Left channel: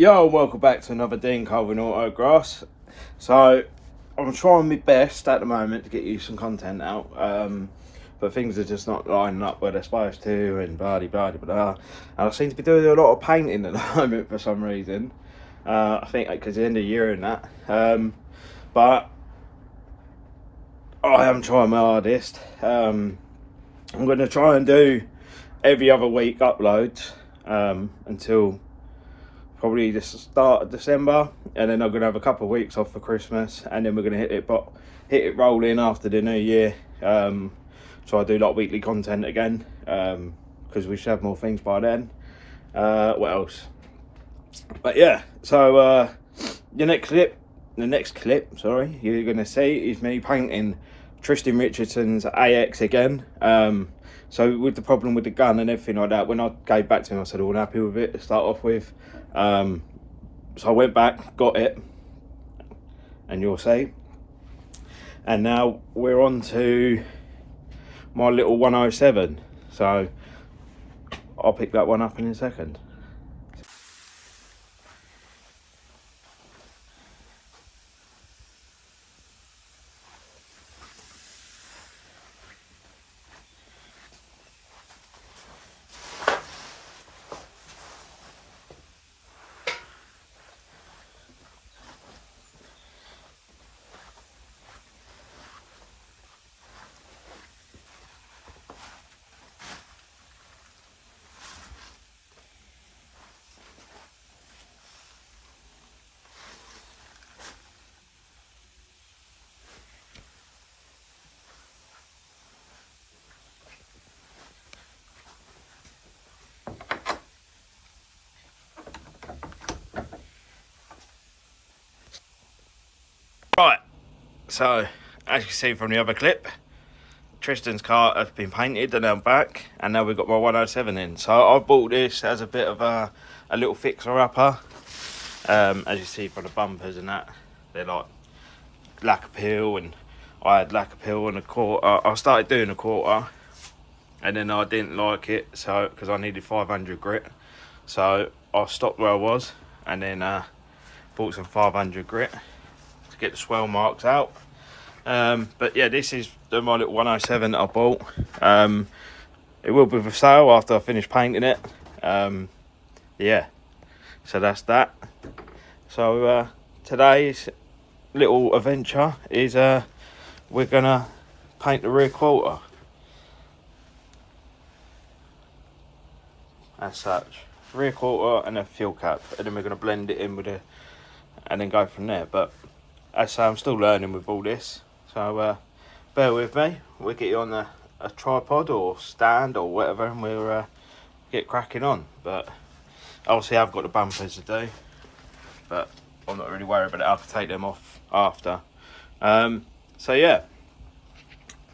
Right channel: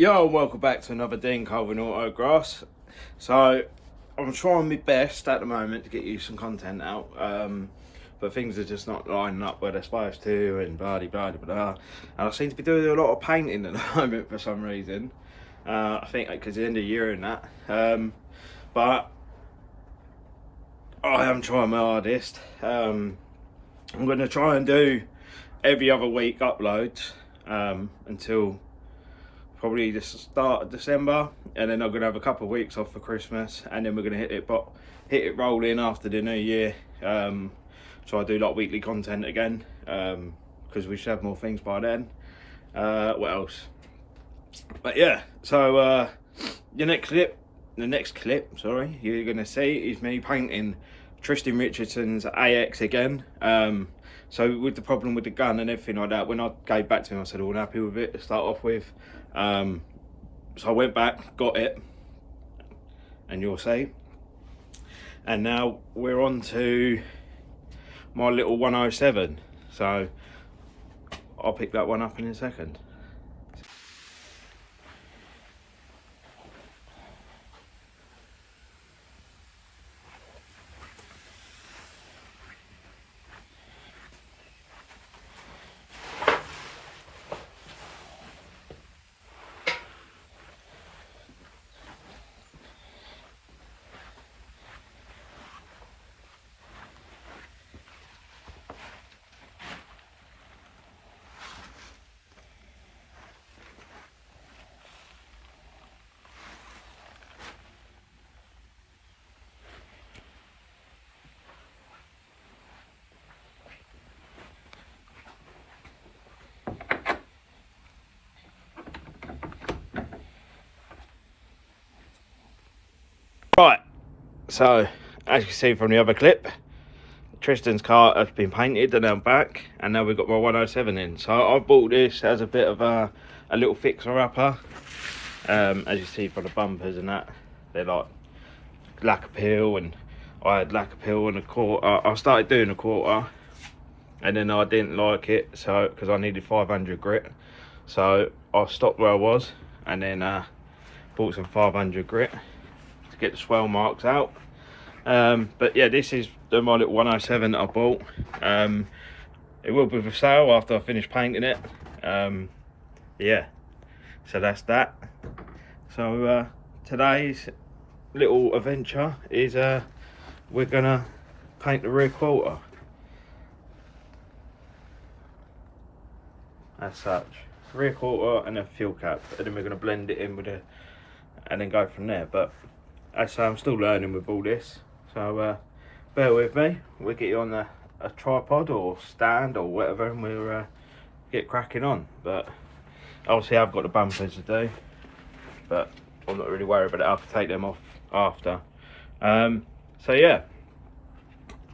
Yo, welcome back to another Dean Colvin autograss. So I'm trying my best at the moment to get you some content out, but things are just not lining up where they're supposed to, and blah blah blah. And I seem to be doing a lot of painting at the moment for some reason. I think because the end of the year and that, but I am trying my hardest. I'm going to try and do every other week uploads until probably the start of December, and then I'm gonna have a couple of weeks off for Christmas, and then we're gonna hit it rolling after the new year. So I do like weekly content again, because we should have more things by then. What else? But yeah, so the next clip, sorry, you're gonna see is me painting Tristan Richardson's AX again. So with the problem with the gun and everything like that, when I gave back to him, I said I wasn't happy with it to start off with. So I went back, got it, and you'll see. And now we're on to my little 107. So I'll pick that one up in a second. Right, so as you can see from the other clip, Tristan's car has been painted and I'm back, and now we've got my 107 in. So I bought this as a bit of a little fixer-upper. As you see from the bumpers and that, they're like lacquer peel, and I had lacquer peel and a quarter. I started doing a quarter, and then I didn't like it, so because I needed 500 grit, so I stopped where I was, and then bought some 500 grit to get the swell marks out. But yeah, this is my little 107 that I bought. It will be for sale after I finish painting it. Yeah, so that's that. So today's little adventure is we're gonna paint the rear quarter as such, rear quarter and a fuel cap, and then we're gonna blend it in with a, and then go from there. But as I say, I'm still learning with all this, so bear with me. We'll get you on a tripod or stand or whatever, and we'll get cracking on. But obviously I've got the bumpers to do, but I'm not really worried about it. I can take them off after. So yeah,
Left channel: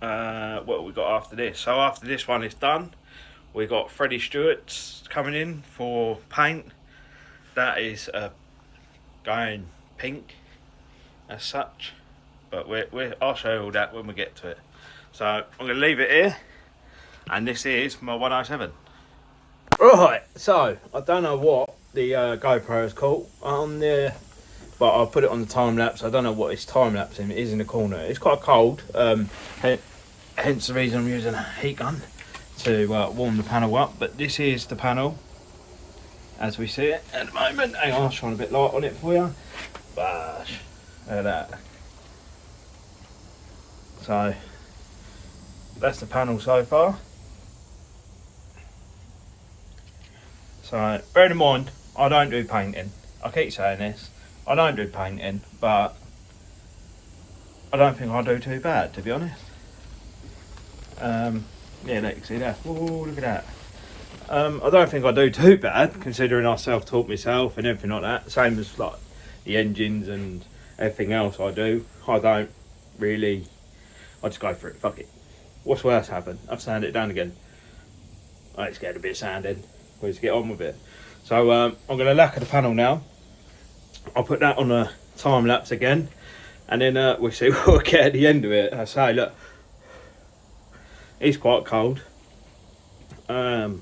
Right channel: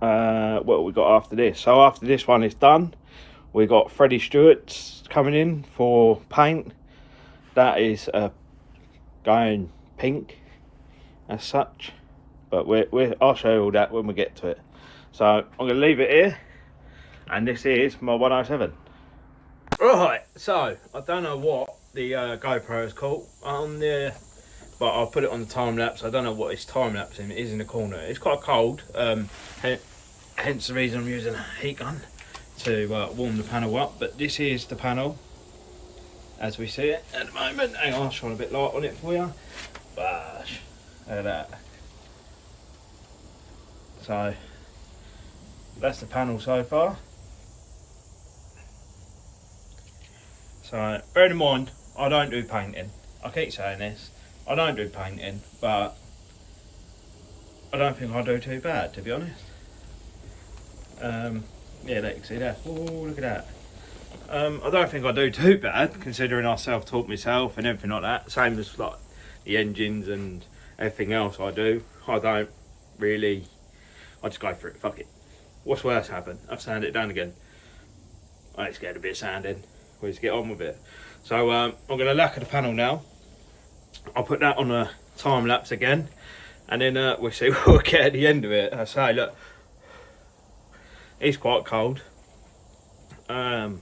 what have we got after this? So after this one is done, we got Freddie Stewart's coming in for paint. That is going pink as such, but I'll show you all that when we get to it. So I'm going to leave it here, and this is my 107. Right, so I don't know what the GoPro is called on there, but I'll put it on the time lapse. I don't know what it's time lapsing. It is in the corner. It's quite cold, hence the reason I'm using a heat gun to warm the panel up. But this is the panel as we see it at the moment. Hang on, I'll shine a bit light on it for you. Bash. Look at that. So that's the panel so far. So bear in mind, I don't do painting. I keep saying this. I don't do painting, but I don't think I do too bad, to be honest. Yeah, look, you see that? Oh, look at that. I don't think I do too bad, considering I self-taught myself and everything like that. Same as like the engines and everything else I do. I don't really, I just go for it, fuck it. What's worse happen? I've sanded it down again. I ain't scared a bit of sanding. We'll just get on with it. So I'm going to lacquer the panel now. I'll put that on a time lapse again, and then we'll see what we'll get at the end of it. I say, look, it's quite cold. So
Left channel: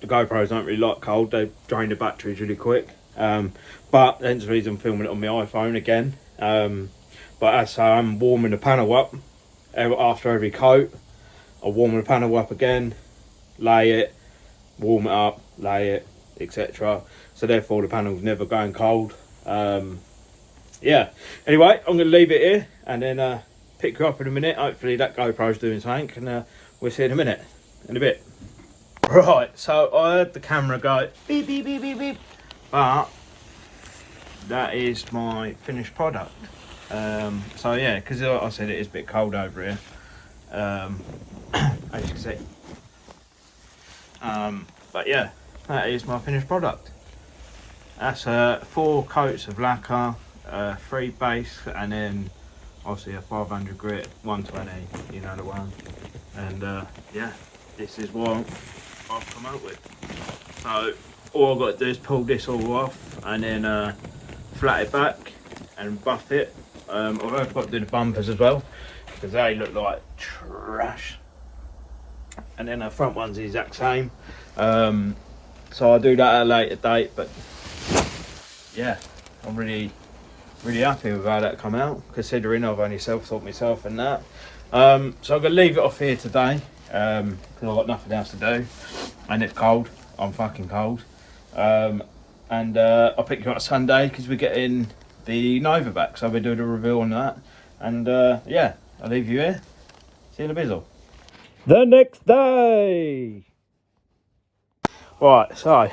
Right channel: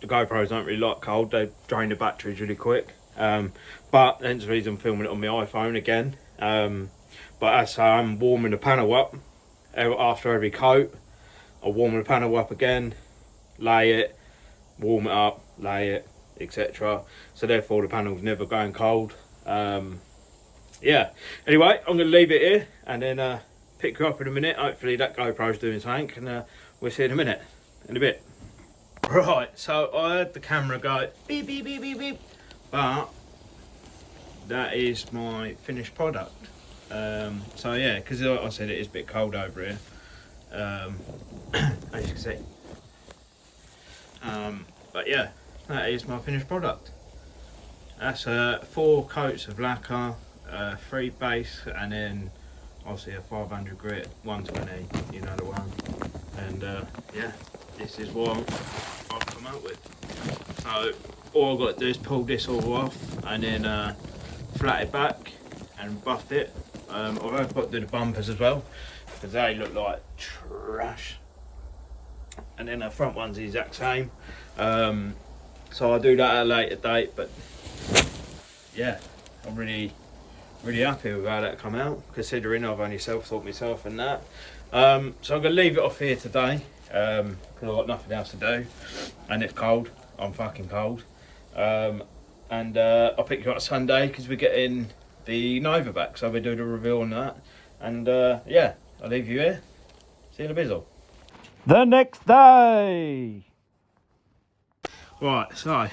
the GoPros don't really like cold. They drain the batteries really quick. But hence the reason I'm filming it on my iPhone again. But as I say, I'm warming the panel up after every coat. I'll warm the panel up again, lay it, warm it up, lay it, etc. So therefore the panel's never going cold. Yeah, anyway, I'm going to leave it here and then pick you up in a minute. Hopefully that GoPro's doing something, and we'll see you in a bit. Right, so I heard the camera go beep beep beep beep beep, but that is my finished product. So yeah, because like I said, it is a bit cold over here, as you can see. But yeah, that is my finished product. That's 4 coats of lacquer, 3 base, and then obviously a 500 grit, 120, you know the one. And yeah, this is what I've come out with. So all I've got to do is pull this all off and then flat it back and buff it. I've got to do the bumpers as well because they look like trash. And then the front one's the exact same. So I'll do that at a later date, but yeah, I'm really happy with how that come out, considering I've only self-taught myself and that. So I'm going to leave it off here today because I've got nothing else to do and it's cold. I'm fucking cold. And I'll pick you up Sunday because we're getting the Nova back, so I'll be doing a reveal on that. And yeah, I'll leave you here. See you in a bizzle. The next day. Right, so a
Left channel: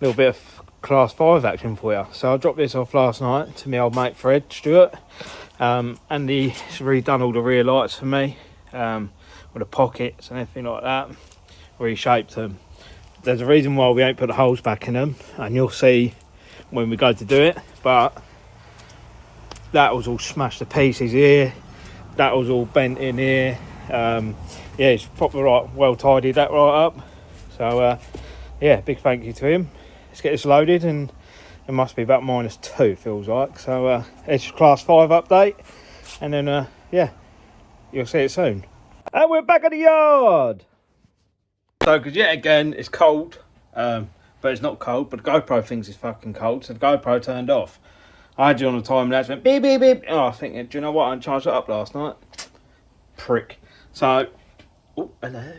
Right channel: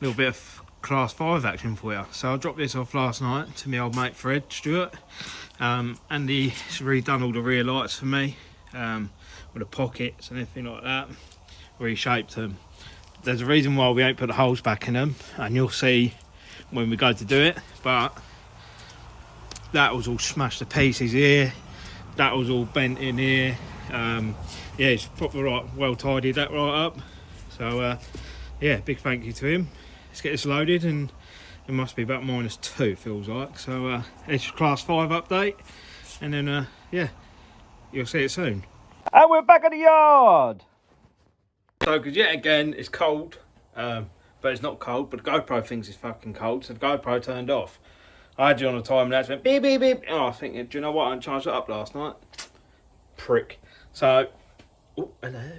little bit of class 5 action for you. So I dropped this off last night to my old mate Fred Stewart, and he's redone all the rear lights for me, with the pockets and everything like that, reshaped them. There's a reason why we ain't put the holes back in them, and you'll see when we go to do it, but that was all smashed to pieces here, that was all bent in here. Yeah, it's proper right, well tidied that right up. So yeah, big thank you to him. Let's get this loaded, and it must be about -2 feels like. So it's class 5 update, and then yeah, you'll see it soon. And we're back at the yard. So because yet again it's cold, but it's not cold, but the GoPro thinks it's fucking cold, so the GoPro turned off. I had you on the time lapse, went beep beep beep. Oh, I think, do you know what, I charged it up last night, prick. So oh, hello.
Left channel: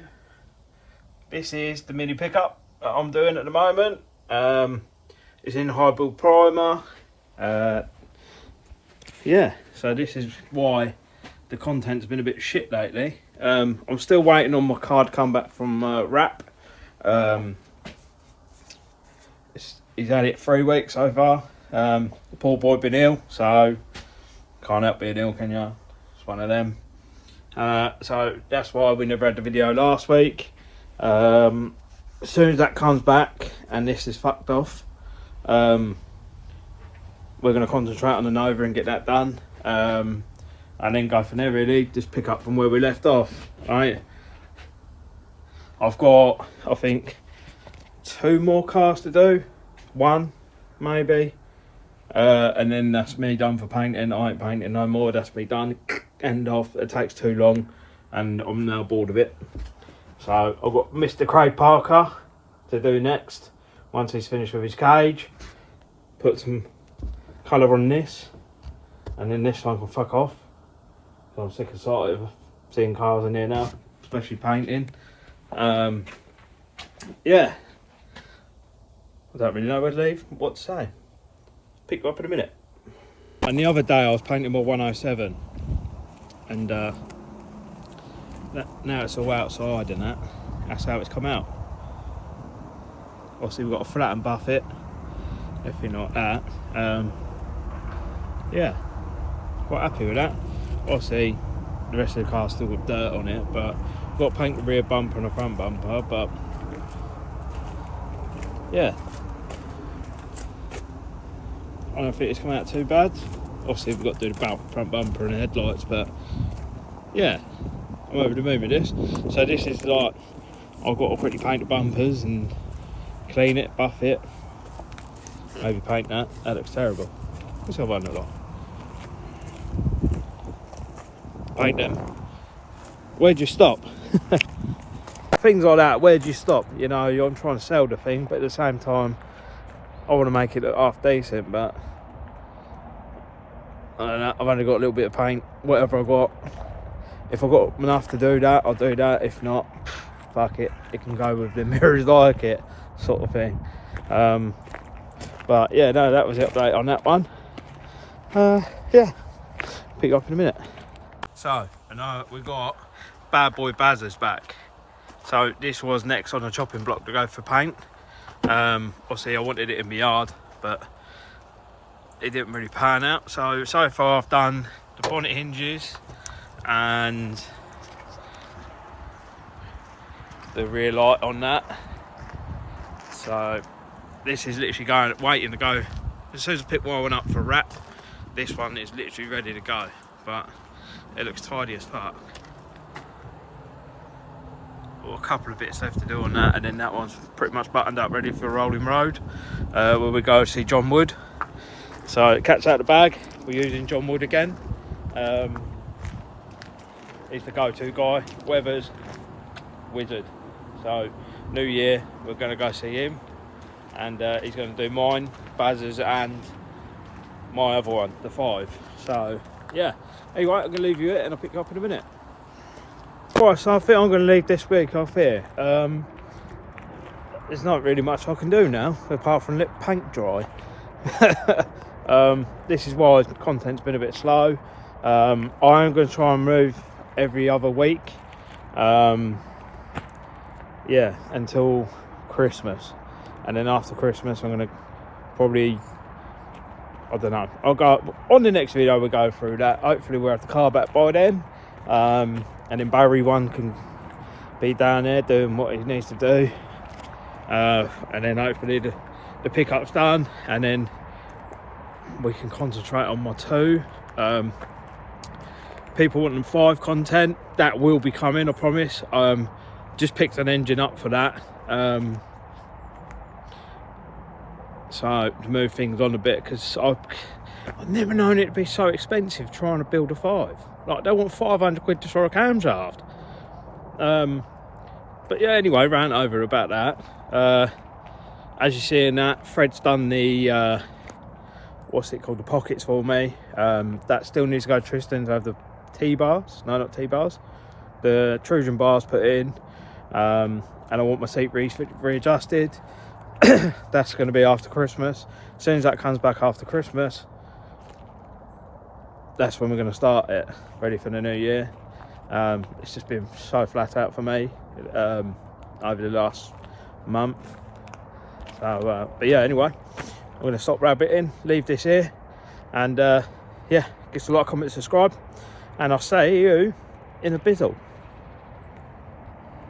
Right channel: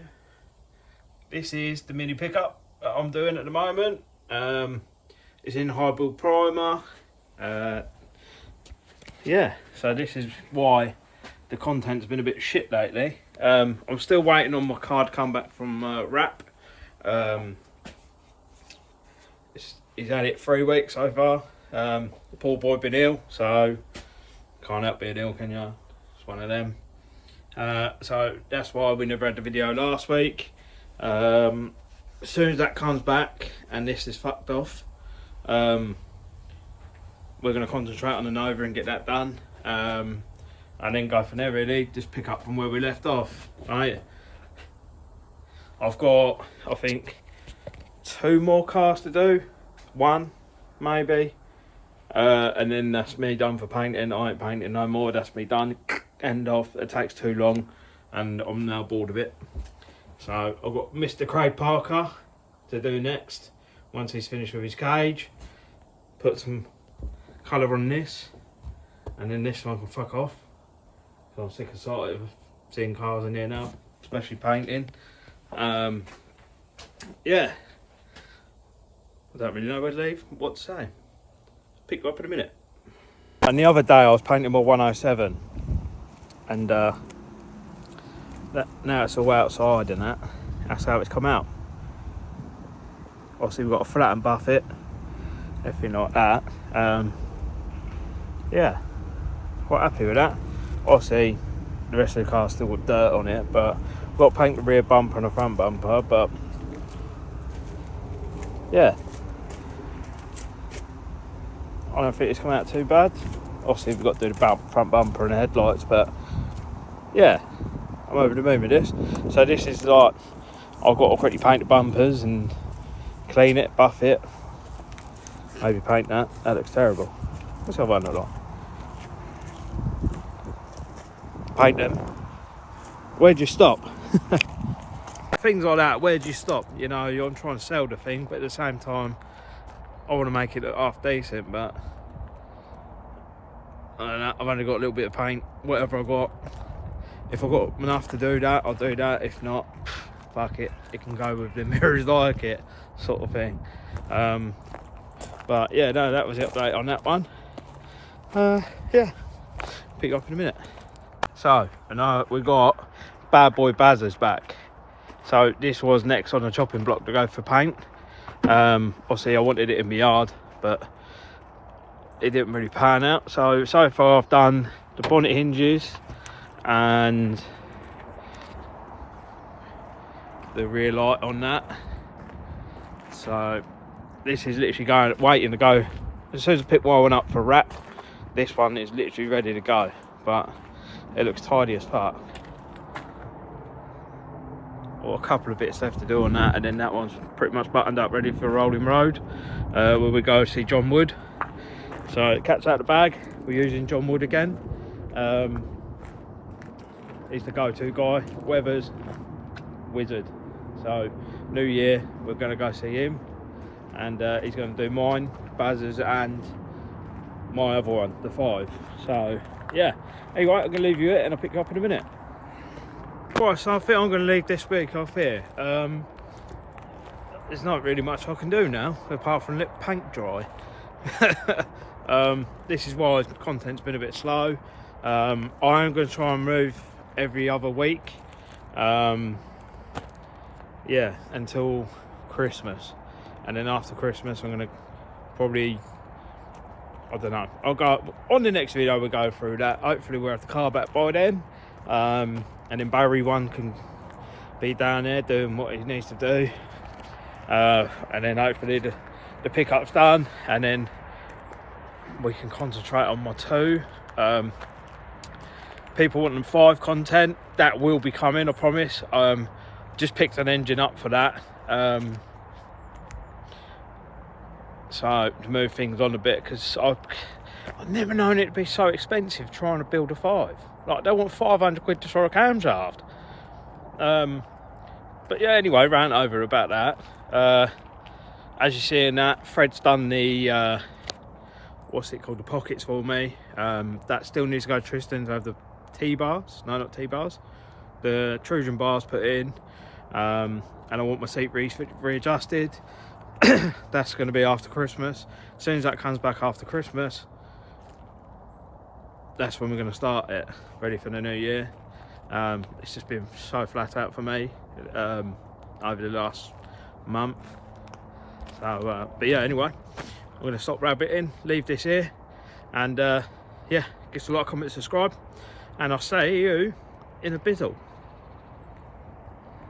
This is the mini pickup that I'm doing at the moment. It's in high build primer. Yeah, so this is why the content's been a bit shit lately. I'm still waiting on my card to come back from Wrap. He's had it 3 weeks so far. The poor boy been ill, so can't help being ill, can you? It's one of them. So that's why we never had the video last week. As soon as that comes back and this is fucked off, we're going to concentrate on the Nova and get that done, and then go from there, really. Just pick up from where we left off. Right, I've got, I think, 2 more cars to do, 1 maybe, and then that's me done for painting. I ain't painting no more, that's me done, end off. It takes too long and I'm now bored of it. So I've got Mr. Craig Parker to do next. Once he's finished with his cage, put some colour on this, and then this one can fuck off. So I'm sick and tired of seeing cars in here now, especially painting. Yeah, I don't really know where to leave, what to say. Pick you up in a minute. And the other day I was painting my 107, and now it's all outside and that's how it's come out. Obviously we've got to flat and buff it, everything like that. Yeah, quite happy with that. Obviously the rest of the car's still got dirt on it, but I've got to paint the rear bumper and the front bumper. But yeah, I don't think it's come out too bad. Obviously we've got to do the front bumper and the headlights, but yeah, I'm over the moon with this. So this is like, I've got to quickly paint the bumpers and clean it, buff it, maybe paint that. That looks terrible. What's that one look like? Paint them. Where'd you stop? Things like that, where'd you stop? You know, I'm trying to sell the thing, but at the same time, I want to make it look half decent, but I don't know, I've only got a little bit of paint, whatever I got. If I've got enough to do that, I'll do that. If not, fuck it, it can go with the mirrors like it, sort of thing. But yeah, no, that was the update on that one. Yeah, pick you up in a minute. So, I know we got Bad Boy Bazzers back. So this was next on the chopping block to go for paint. Obviously I wanted it in my yard, but it didn't really pan out. So far I've done the bonnet hinges and the rear light on that. So this is literally waiting to go. As soon as I pick one up for wrap, this one is literally ready to go, but it looks tidy as fuck. Got a couple of bits left to do on that, and then that one's pretty much buttoned up, ready for Rolling Road, where we go see John Wood. So cat's out of the bag, we're using John Wood again. He's the go-to guy, weather's wizard. So New Year we're going to go see him, and he's going to do mine, Baz's, and my other one, the 5. So yeah, anyway, I'm going to leave you it and I'll pick you up in a minute. Right, so I think I'm going to leave this week off here. There's not really much I can do now apart from let paint dry. This is why content's been a bit slow. I am going to try and move every other week, yeah, until Christmas, and then after Christmas I'm going to probably, I don't know, I'll go on the next video, we'll go through that. Hopefully we'll have the car back by then, and then Barry 1 can be down there doing what he needs to do, and then hopefully the pickup's done, and then we can concentrate on my 2. People want them 5 content, that will be coming, I promise. Just picked an engine up for that, so to move things on a bit, because I've never known it to be so expensive trying to build a 5. Like, they want 500 quid just for a camshaft. But yeah, anyway, rant over about that. As you see in that, Fred's done the what's it called, the pockets for me. That still needs to go to Tristan's to have the T-bars, no, not T-bars, the Trojan bars put in, and I want my seat readjusted. That's going to be after Christmas. As soon as that comes back after Christmas, that's when we're going to start it, ready for the new year. It's just been so flat out for me over the last month. So but yeah, anyway, I'm going to stop rabbiting, leave this here, and yeah, give us a like, comment, subscribe, and I'll see you in a bizzle.